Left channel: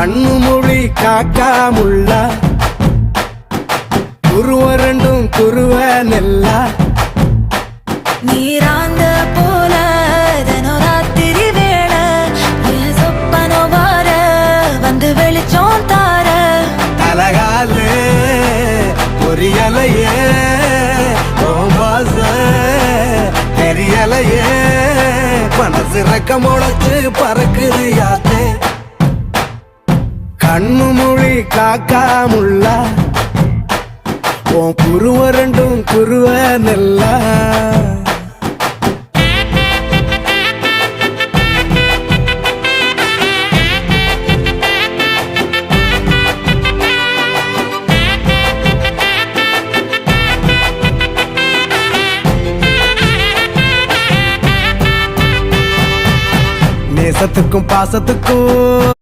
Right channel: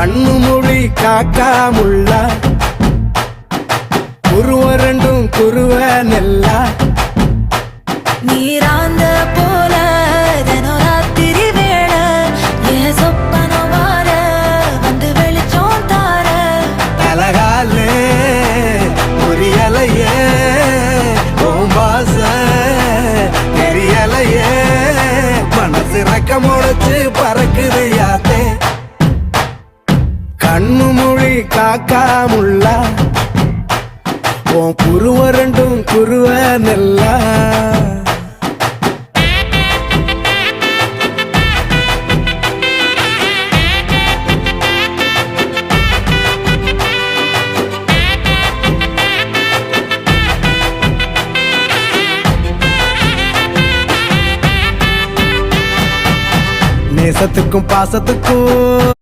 கண்ணு மொழி காக்காமுள்ள குருவரண்டும் குருவ நெல்லா நீராங்க போல தினராத்திரி வேள என் சொப்பனம் மாற வந்து வெளிச்சம் தார தலகாலு பொரியலையே ஓம்பாச தெரியலையே மனசு ரக்க முளைச்சு பறக்குறையாத்தே கண்ணு மொழி காக்காமுள்ள உன் குருவரண்டும் குருவ நெல்லா நேசத்துக்கும் பாசத்துக்கும்